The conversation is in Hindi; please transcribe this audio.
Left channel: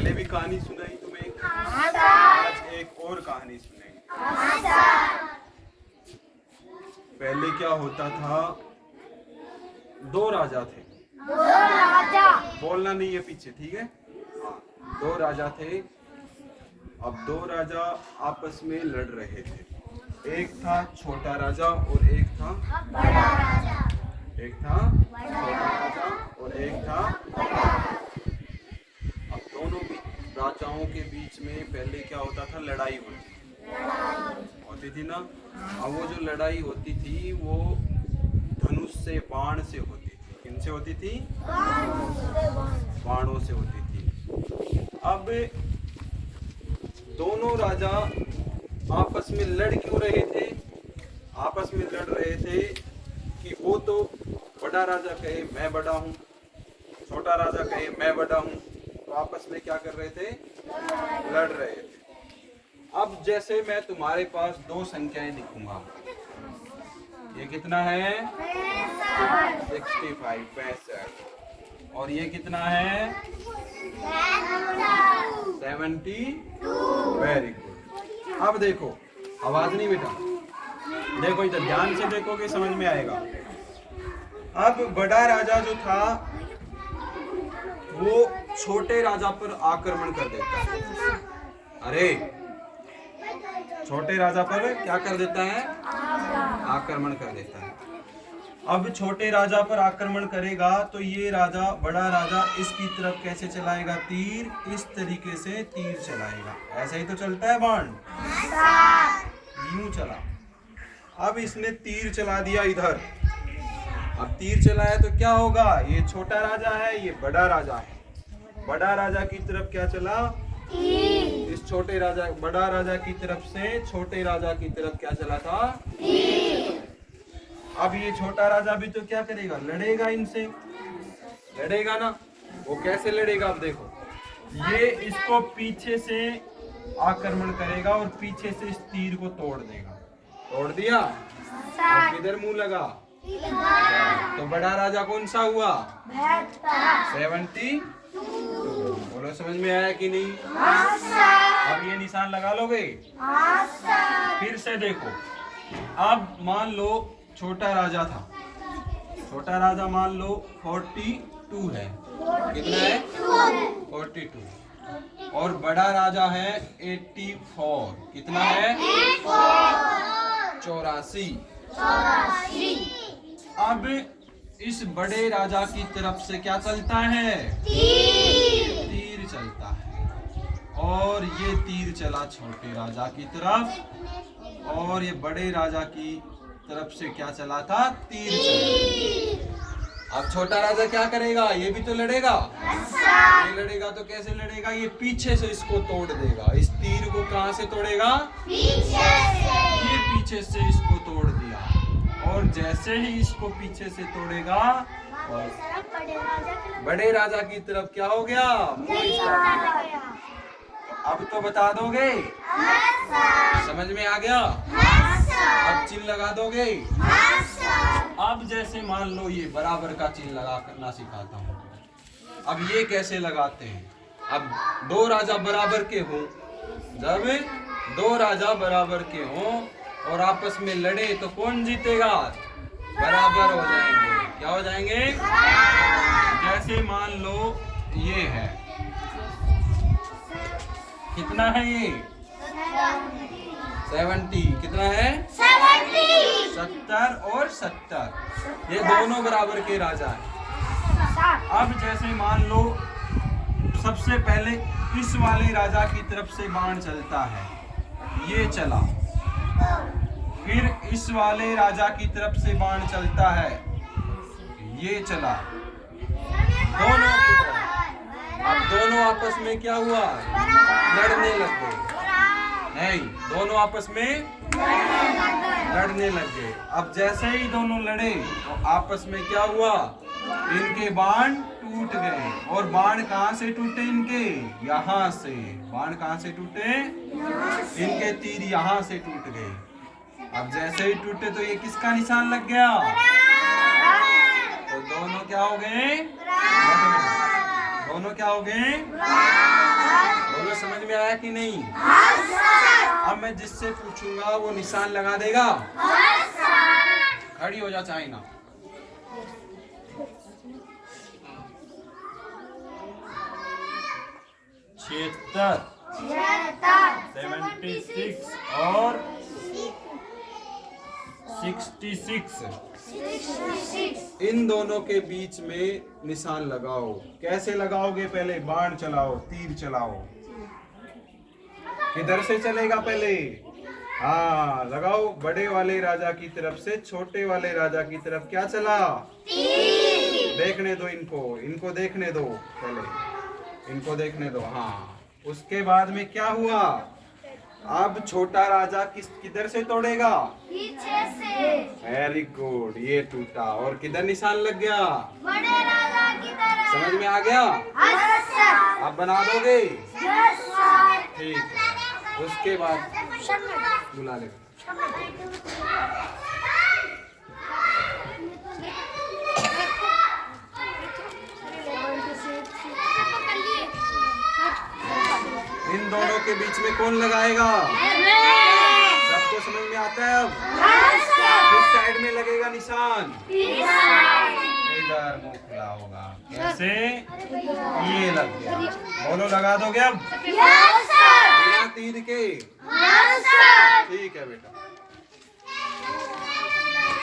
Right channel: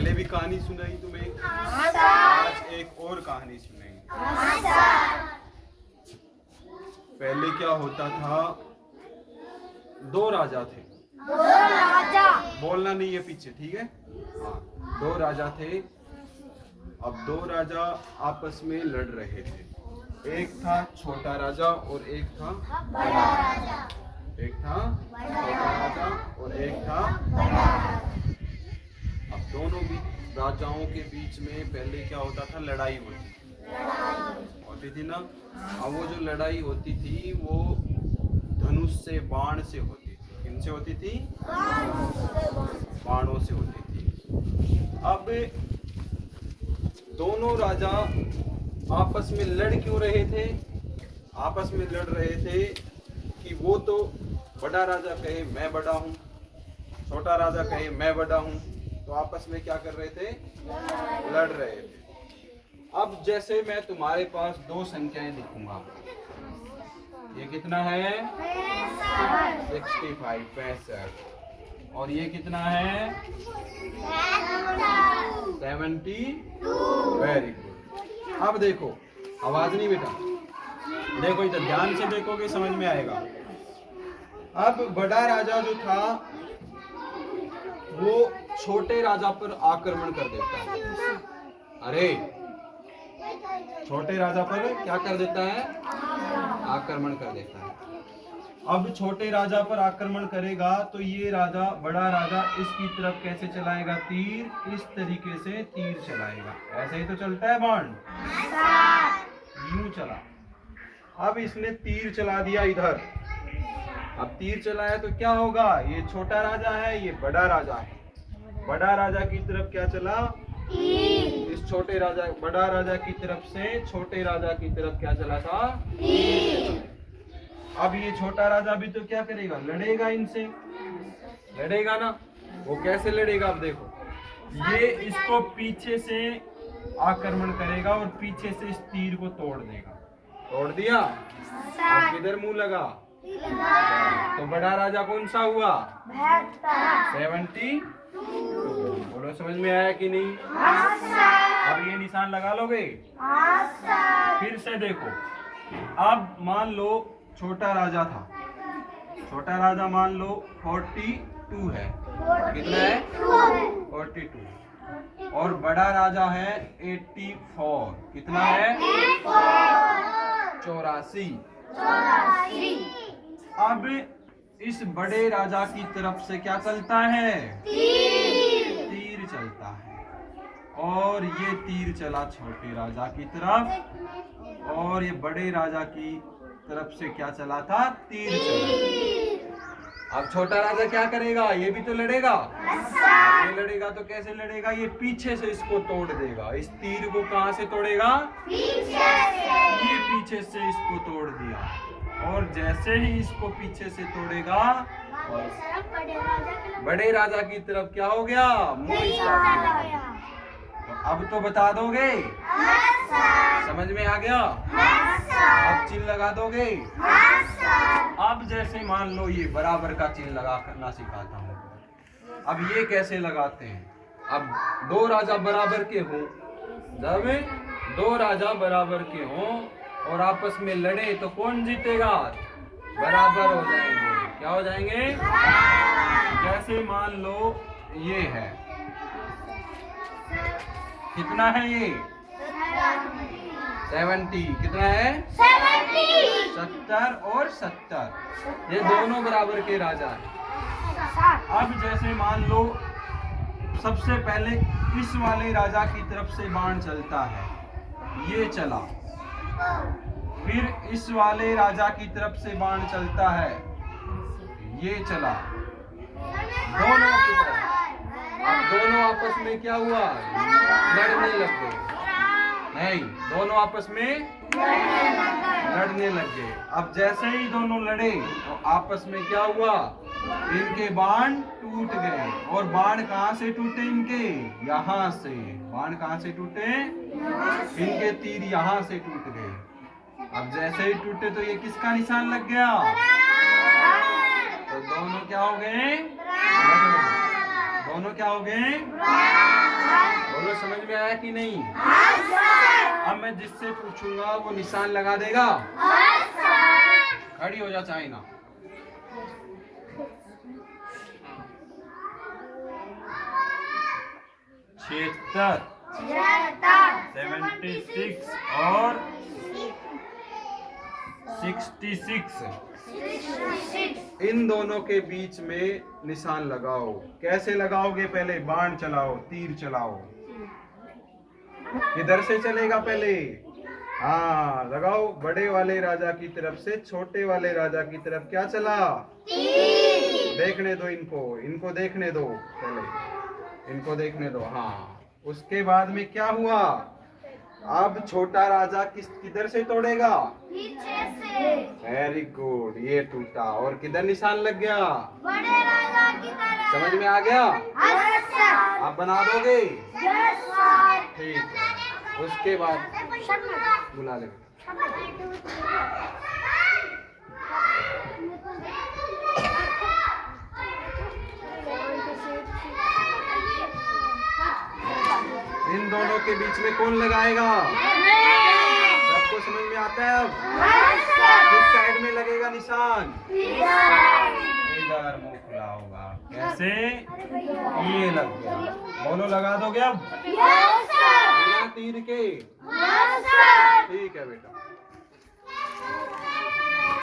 पहले भी कहानी सुनाई तुम्हें, आज एक और कहानी सुनाई। पहले क्या होता था, दो राजा थे। बोलना नहीं है पीछे, ठीक है। हाँ, दो राजा थे। अब दो राजा आपस में लड़ रहे थे। एक था छोटा राजा और एक था बड़ा राजा। एक था छोटा राजा और एक था बड़ा राजा। अब दोनों राजाओं के बीच में पहले क्या होता था, लड़ाई होती थी ना। अब वो जो लड़ाई होती थी वो धनुष से, बाण से होती थी। किनसे होती थी? बाणों से होती थी। अब दोनों राजा आपस में लड़ क्यों रहे थे? आपस में लड़ रहे थे कि वो तो बड़ा राजा कहे मैं बड़ा हूँ, छोटा राजा कहे मैं बड़ा हूँ, तो आपस में क्या कर रहे थे? लड़ रहे थे। अब जैसे मैं तुम्हारे पास दो संख्याएं लिखूंगा, ये कितना है? 65 और ये कितना है? 72। Very good. अब देखो, आवाज नहीं बेटा, देखो इधर ध्यान से देखोगे समझ में आएगा। अब बड़ा राजा जो था वो छोटे राजा पर आक्रमण कर देता है। अरे छोटे राजा पर क्या कर देता है? आक्रमण कर देता है। अब छोटे राजा पर आक्रमण करेगा तो ये राजा, बड़ा राजा इसकी तरफ कैसे चलाएगा? तीर, इस तरीके से तीर चलाएगा। ऐसे ही तो चलता है बाण, यूं चला। अब इसने तीर चला दिया इधर। अब तीर चलाया तो क्या होगा? ये छोटा राजा है, ये बड़ा राजा है। बड़ा राजा की तरफ क्या चला? इस छोटे राजा, बड़ा राजा की तरफ से छोटे राजा की तरफ क्या चला था? अब ये छोटा राजा भी तो क्या करेगा? लड़ेगा इनसे, लड़ेगा ना। वो कैसे लड़ेगा? अब देखो, ये इसको पीछे से आक्रमण करेगा और पीछे से इस तीर को तोड़ देगा। तोड़ दिया, अब किधर मुंह लगा? तो बड़ा राजा कौन सा हुआ? 72। बोलो समझ में आया कि नहीं? अब ये निशान लगा लोगे? फिर से देखो, अब मान लो छोटा राजा था, छोटा राजा मान लो 42 है। कितना है? 42। और बड़ा राजा है 84। कितना है? 84। अब इस बड़े राजा की तरफ से क्या चलता है? तीर चलता है। और ये तीर चला छोटे राजा की तरफ, और ये बड़े राजा की तरफ से क्या चला था? तीर चला। अब छोटा राजा क्या करेगा? ये भी तो लड़ेगा। ये लड़ेगा तो कैसे लड़ेगा? ये पीछे से इसको तोड़ देगा। इस तीर को कहां से तोड़ेगा? ये पीछे से इसको तोड़ दिया। और जैसे ही इसको पीछे से तोड़ेगा, और बड़े राजा की तरफ क्या हो गया? तो अब तो बता दोगे? समझ में आ गया? अब चिन्ह लगा दोगे? अब जैसे मान लो ये बराबर का चिन्ह लगा करना सिखाता हूँ। अब ये कैसे लगाते हैं? अब दो राजा बराबर के हों, जब दो राजा बराबर के हों और आपस में लड़े तो कौन जीतेगा? बराबर हो जाएंगे। क्या हो जाएंगे? जैसे मान लो ये है, कितना है ये? 70। कितना है? 70 और 70। ये दोनों बराबर के राजा हैं। अब जैसे मान लो सबसे पहले इस वाले राजा की तरफ से बाण चलता है, ये चला। फिर इस वाले राजा की तरफ से बाण चलता है, ये चला। दोनों की तरफ। अब दोनों आपस में क्या हुआ? लड़ने लग गए। नहीं, दोनों आपस में लड़ने लग गए। अब जैसे ही दोनों लड़े तो आपस में क्या हुआ? इनके बाण टूट गए। और बाण कहां से टूटे? इनके यहाँ से। बाण कहां से टूटे? इनके तीर यहाँ से टूट गए। अब जैसे ही टूटे तो ये किसका निशान लग गया? तो दोनों क्या हो गए? दोनों क्या हो गए? बोलो समझ में आया कि नहीं? अब मैं जिससे पूछूंगा वो निशान लगा देगा। खड़ी हो जा चाहे ना। छिहत्तर 76 और 66 इन दोनों के बीच में निशान लगाओ। कैसे लगाओगे? पहले बाण चलाओ, तीर चलाओ। किधर से चलेगा पहले? हाँ लगाओ। बड़े वाले राजा की तरफ से छोटे वाले राजा की तरफ क्या चला? देखने दो इनको देखने दो, पहले इनको देखने दो। हाँ उसके बाद में क्या हुआ? अब छोटा राजा किधर से तोड़ेगा? पीछे से। वेरी गुड, ये टूटा। और किधर निशान लग गया? बड़े राजा की तरफ। समझ में आ गया? आप बना दोगे? ठीक है। उसके बाद बुला ले। इन दोनों के बीच में कौन लगाएगा? सबको समझ में आता है अब? किस साइड में लगेगा निशान? इधर मुंह खुला होगा। कैसे? ये लग गया। बोलो लगा दोगे अब? बिना तीर के? ठीक है बेटा।